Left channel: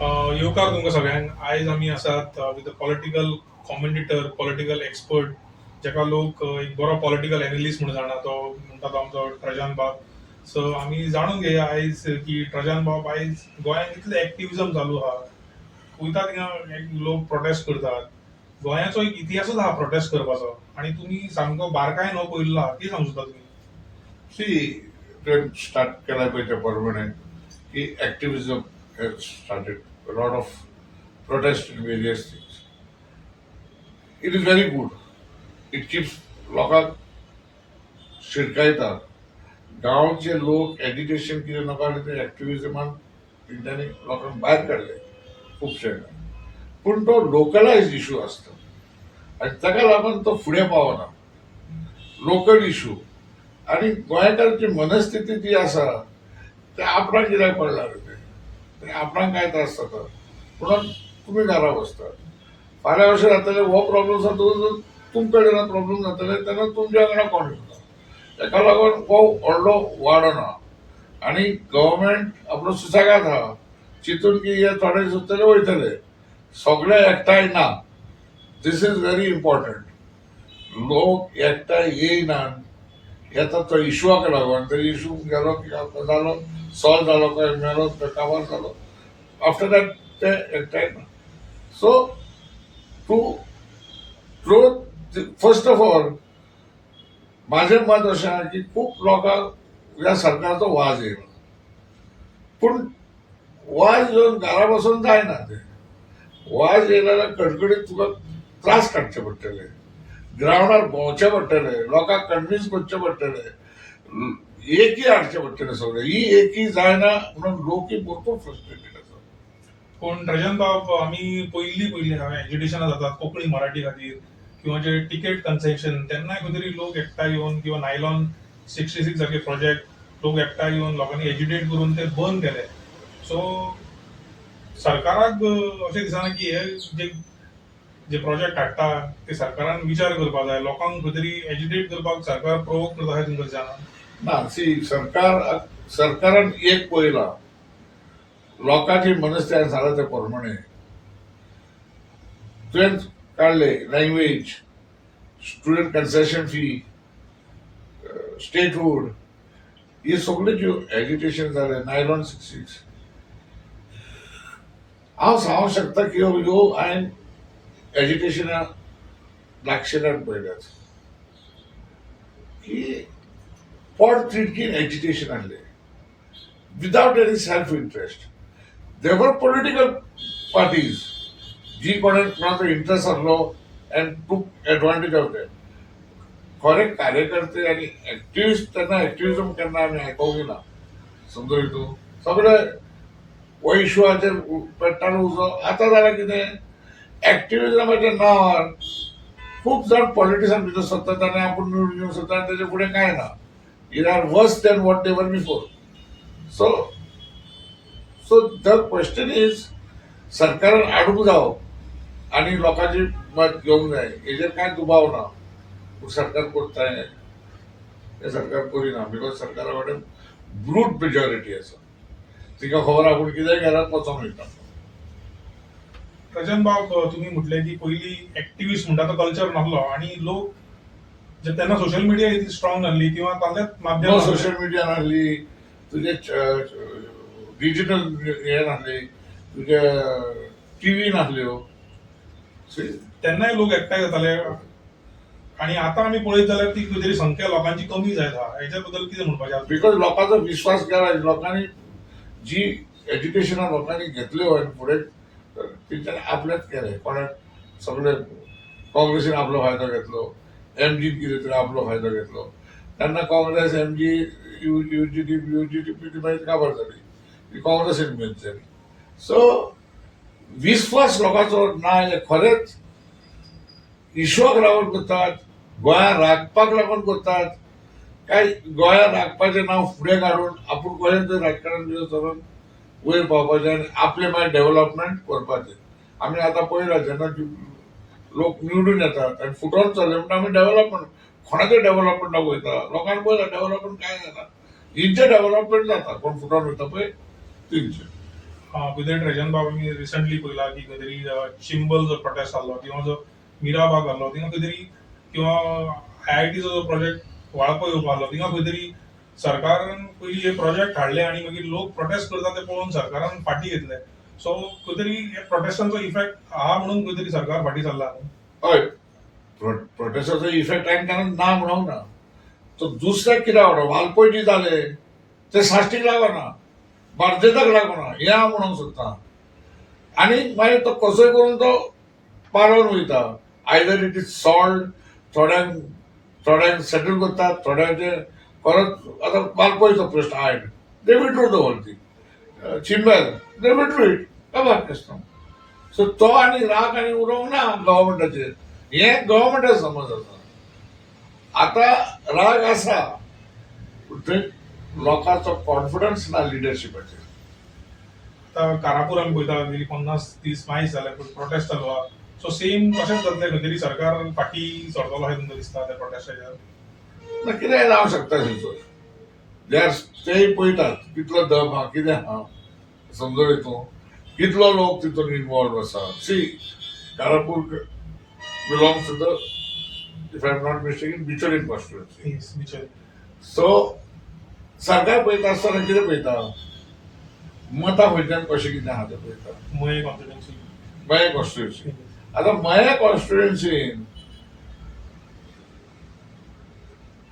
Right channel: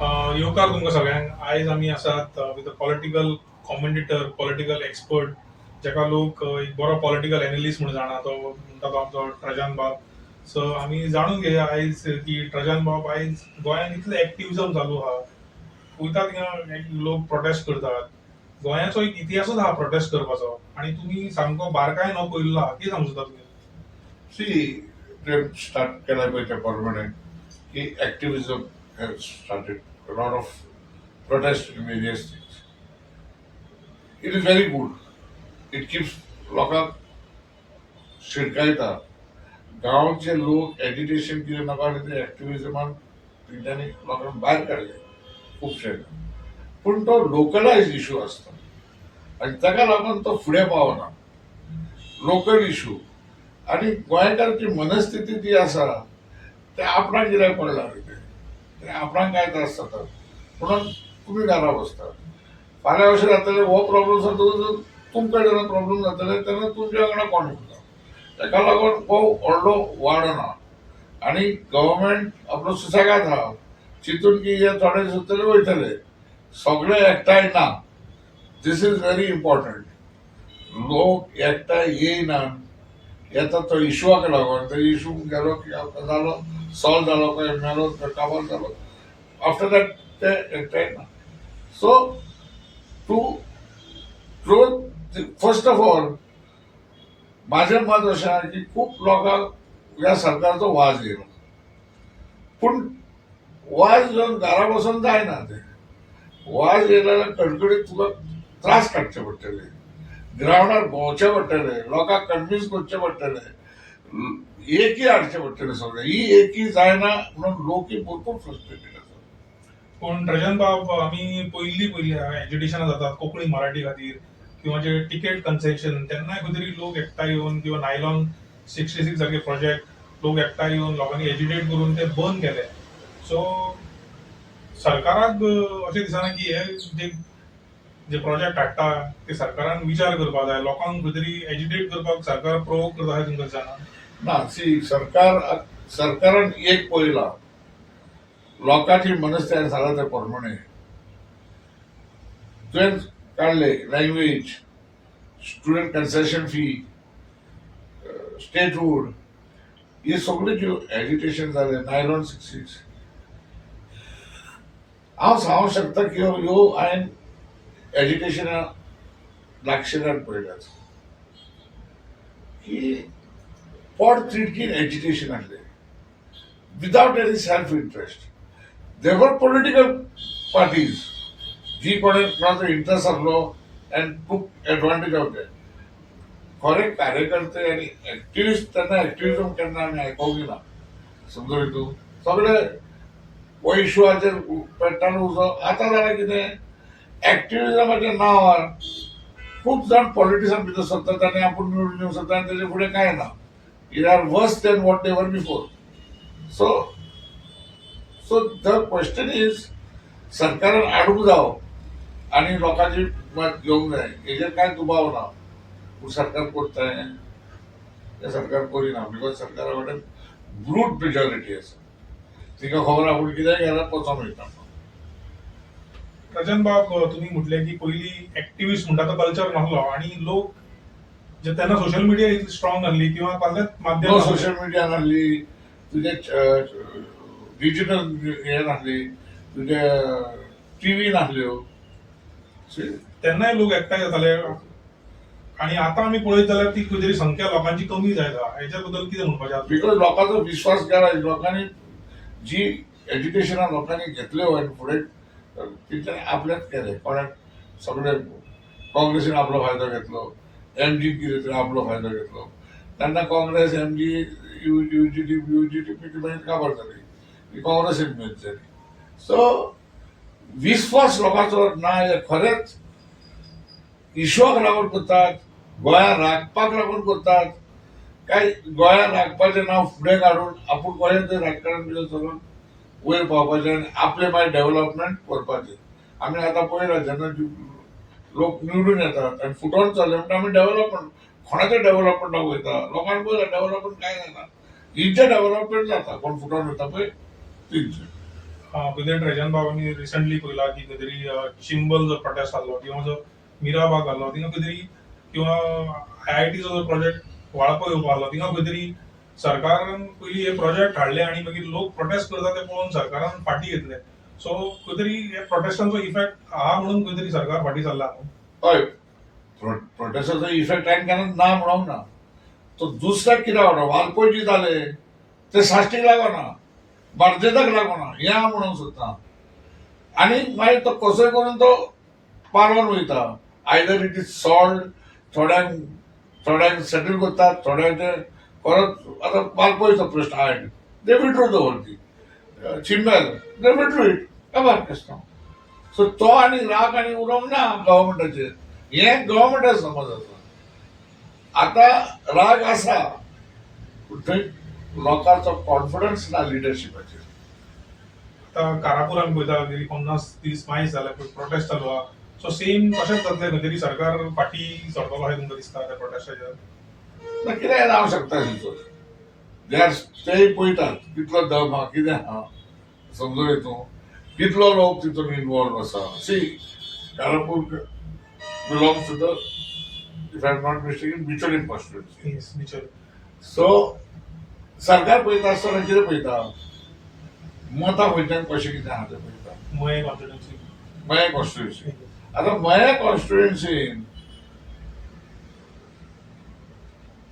येवकार तुमकां सगळ्यांक. आयज आमी आसात with a political commentator, political expert, जाका लोक एक बरो पॉलिटिकल एनालिस्ट म्हणून जाणा. तो म्हणटा तो आमचो ट्रजान बाब. सो आमी जाणून घेया आयज की ट्रजान बाब आयज गोंयांत इतलें एक्टिविजम चालू आहा. वयता थिंगा लोक प्रोटेस्ट करतात. गोंयाचो एक इतिहासूच आहा प्रोटेस्ट करपाचो, आनी तुमी सामको बारकायेन हो पळयल्लो आहा. कितें सांगू सोदता तुमी? See, they start Kalaipaita permanent. Activism has started. A lot of protest in various things. It is very good. It keeps लोकांक शिरकायता. गांवचे लोक एजिटेशन कितें नाका ते एक्टिविजमान तेंच्यांनी लोकांक भायर काडले खुबशे. पूण तो लोकलायज इशू आसता आनी ताका लागून तो फुडें पावना. लोकल इशू आनी गोंयकाराची मनस्थिती जी आसा ते आपणाक कित्याक पडला रे ते आपणाक काय त्रास जाता म्हणून तुमी घरा बसतात. फाल्यां अशें जातलें हो प्रॉब्लम जाता तुमचे जेन्ना प्रॉब्लम जातले तेन्ना तुमच्या वांगडा कोण येता. ताका लागून हो व्हडलो वाडना आनी गव्हर्मेंट आपलो सुसेगाद आहा चिंतून की हे थोडे सुद्दां वयतले. सगळे एकठांय ना. दिस इज व्हेरी इम्पॉर्टंट. लोक एकठांय येयनात. येता तो इशूआक लागून तो इशू गेलो की जालो सॉल्व जालो काय मेलो काबार जालो आफ्टर दॅट ते एकठांय ना. So to truth first of all माझें मत अशें आहा की खूब लोकांक ह्या सरकाराचो वाज येयलो. पूण वाज येवन घरा बसून जायना ते. वाज येयले जाल्यार कडकडीत तुका त्रास काडचे पडटले. ग्रावंडार भोंवचे पडटले. लोकांक कन्विन्स करचे पडटले. एकी हाडचे पडटले सगळे. ही एकी जायना म्हणून लोकूय भरपूर फ्रस्ट्रेटेड आसा. पूण ट्रजान बाब आमी पयली एज्युटेशनां जातात कोंकणी मराठी खातीर किंवा जे टिकेट कन्सेशन तेन्नाय खंय तरी लोक एकठांय येवन किंवा नायलॉन 66 सारखे प्रोजेक्ट लोक एकठांय येवन लोकांनी एज्युटेट करून ते बंद केले. सो सरकाराक अशें दिसना की हे जे जे प्रोजेक्ट हाडटा ते सरकारान विचार करपाक जाय. लोकांक खंय तरी एज्युटेट करपाक सरकार प्रोवोक करता अशें तुमकां दिसना? ना सी सरकारान एक पळयला लोकांची मनस्थिती सांगला ते प्रमाणे तुवें काडले language student concession fee statehood हे सगळे ज्यो एज्युटेशन जाले नायलॉन 66 हांव सांगूंक शकता की ह्यो हांवें एज्युकेशना लागशिल्ल्यान पळयल्यात की पोट तिडकीन एज्युकेशन हाडलें विदाउट एनी सेल्फ इंटरेस्ट. देवर पॉलिटिकल पार्टीज जी कोणाचो इंटरेस्ट आसलो अँड टूक एडवांटेज ऑफ दॅट. खरे कार्यकर्ते आनी एक्टिविस्ट तेन्ना एक्टिविजम केन्ना आमी आयकोंक ना. समजो हितून सगळे हो इशूआचेर पेट्टान उजो. आतां जाल्यार कितें एक्टिविजमाच्या नांवार खूब जाण पॉलिटिक्सान भितर सरतात आनी आपूण निवडून येवंक सोदता आनी तेजे फुडें कांय ना. इट आर वर्स than what they were before. So the question is सरकारान आडूंक जावो आनी लोकांची मत घेवंक जाय. हेजेर कांय दुबाव ना. पूण सरकार करता हे सरकार करिना बिकॉज सरकारा कडेन ब्रूट मेजॉरिटी आसा. तिका खबर आपूण कितेंय घरात वचोन वयता. ट्रजान बाब तुम्ही म्हटले की पयली एक्टिविस्ट म्हणटा तो कल्चर नासलो आणि लोक जे तेन्ना सोशल मिडिया इतली स्ट्रॉंग नासली किंवा कसलेच माध्यम सोशल मिडिया नासली तुजे डिजिटल हे नासली तुजे टीव्ही नासल्यो. तेन्नाय लोक एकठांय जाताले आणि आता आम्ही पळयत जाल्यार ती खंय तरी संख्या लोकांची कमी जायता. हेच्या बद्दल कितें म्हणपाचें? बिकॉज लोकांचो विश्वास गेला. लोकांनी जी एज्युकेशना लोकांनी घेतल्यो आनी फुडें तेंच्यांनी आपलेच केले. कोणाक सगळे काँग्रेसीन आपलो फायदो घेतलो. एमजी कितें तरी आपलो फायदो घेतलो. तेन्ना काँग्रेस एमजी युजीटी मागीर काबार जाली. काँग्रेसीन मेच जाली. सो विश्वास लोकांचो ना हे खरेंच इशूआक लागून करतात. गोंयांत राखपाक लागून करतात काय गोंयांत राखपाचें नांव फुडें काडून आपूण कशें तरी राजकारण करून वयर पावपाचें आनी आपलें मागीर डेव्हलपमेंट करपाचें. आमी आतां पळयलां जेन्ना लोक निवडून येतात आनी फुटोन चल्ले म्हणटा आमी डेव्हलपमेंट कोणाचें डेव्हलपमेंटाक वयता. लोकांक पळयलां डेव्हलपमेंट कांय जायना. हिंचें डेव्हलपमेंट जाता कोण फुटोन वयता पळय तेंचें. खंय ट्रेजन बाब आमी रिसंटली पयला की खंय तरी चिंबल जो प्रोटेस्ट जाल्लो किंवा जो मिराबाग जाल्लो थिंगा खंय तरी किंवा IITचो जो प्रोजेक्ट वाळपा येवपा आसलो थिंगा खंय तरी सरकारान पयलीं हे प्रोजेक्ट हाडले आनी मागीर लोक प्रोटेस्ट करता ते पळोवन सरकारान फाटी घेतले. सो खंय तरी हे प्रोटेस्टांचो इफेक्ट आहा म्हणून खंय तरी सरकार फाटी सरला न्हू. हय प्रोटेस्टाचो इफेक्ट हांवें केन्ना ना म्हणूंक ना. तो दुसऱ्याक कित्याक वाडो वालपय जी जाले ते साश्टीक लागना, बार्देजाक लागना हें हांव म्हणूंक सोदतां. आनी मागीर तो कसोय करून तो पारोवन वयता. आयदर इट इज सॉल्ड, थोड्यांक सेटल करतात, थोड्यांचे परत आतां वालपयचो प्रश्न हायड they withdraw the whole thing. चिंबल दे विड्रू इट काबार क्वेश्चन. सो तो आनी राग आनी उरोंक ना गव्हर्मेंटाचेर. हें गव्हर्मेंटाचो समज आसा. आतां राग आसा पूण थंय लोकांचो कॉन्फिडन्स ना लिडरशिपाचेर. आतां कारापूर आमी पळयता गेली 50 दीस मायज जाले पळय प्रोटेस्ट चालू आहा. सो सेम तशेंच जातलें खंय तरी सरकार फाटी सरतलो अशें तुमकां दिसता त्या प्रोटेस्टाचेर. ना कितेंय जावंक शकता थंयसर. ते पळयतात कितलो दम हा कितें हा समजून येतूं कितलो लोक तितून इन्वॉल्व आसा. See Karapur belongs to the if I am not mistaken Bicholim constituency. Yes, बिचारी. सो सरकार पळयता आसतना कितें पळयता मतां खंयच्यान कशें कितें आहा तें पळयता. मये कॉन्स्टिट्युएन्सी. मया कॉन्स्टिट्युएन्सी आतां मया कॉन्स्टिट्युएन्सीन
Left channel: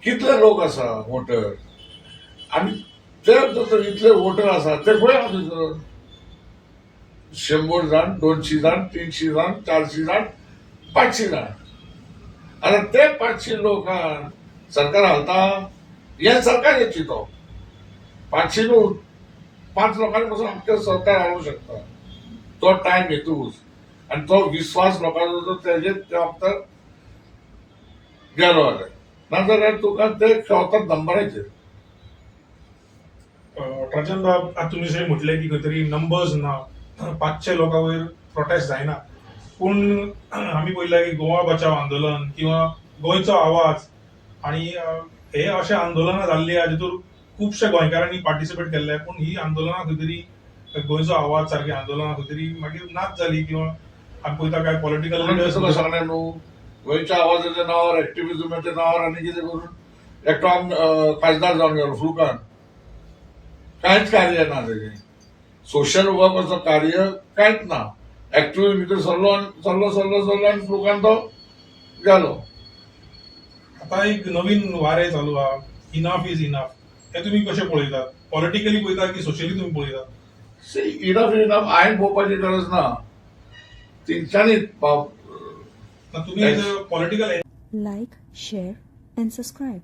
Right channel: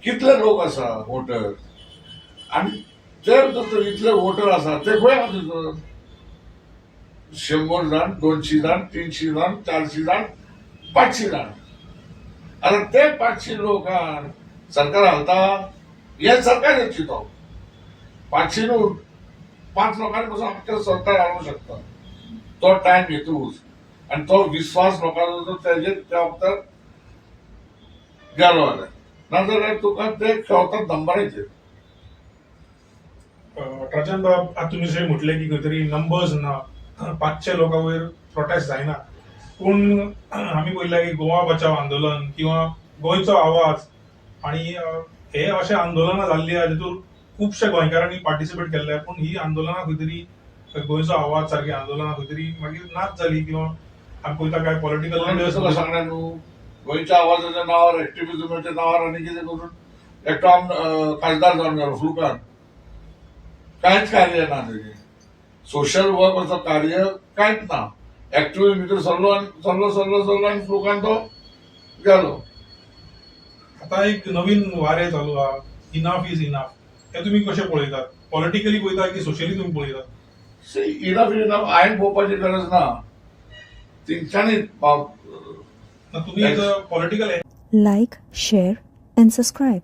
कितले लोक आसा वोटर आनी ते जर इतले वोटर आसा ते खंय आहा थंयसर 100 जाण 200 जाण 300 जाण 400 जाण 500 जाण. आतां ते 500 लोकांक सरकार घालता हे सरकार चिंतो 500 न्हू 5 लोकांनी पासून आख्खें सरकार हाडूंक शकता. तो टायम घेतूच आनी तो विश्वास लोकांचो जर तेजेर त्या वखदार गेलो जाल्यार नाजाल्यार तुका ते खेळतात दंबाराचेर. ट्रजन बाब आतां तुमी जशें म्हटलें की खंय तरी नंबर्स ना 500 लोकां वयर प्रोटेस्ट जायना. पूण आमी पळयलां की गोवा बचाव आंदोलन किंवा गोंयचो आवाज आनी हे अशे आंदोलनां जाल्ली आहा जितून खुबशे गोंयकारांनी पार्टिसिपेट केल्ले. पूण ही आंदोलनां खंय तरी गोंयचो आवाज सारकी आंदोलनां खंय तरी मागीर नाच जाली किंवा आमी पळयता काय पॉलिटिकल तुका सांगलें न्हू गोंयच्या आवाजाच्या नांवार एक्टिव्हिजमाच्या नांवार आनी कितें करून एकटो खासदार जावन गेलो फुलकान. कांयच कार्य ना तेजें. सोशल वर्काचो कार्य कांयच ना. एक्टिव्हिजम भितर सरलो आनी फुलकान तो गेलो. आतां एक नवीन वारें चालू आहा इनफ इज इनफ. हे तुमी कशें पळयतात? पॉलिटिकली पळयतात की सोशली तुमी पळयतात? सी इनफ हांवें पळोवपाची गरज ना. तेंच्यांनी तुमी political Like, share, and subscribe.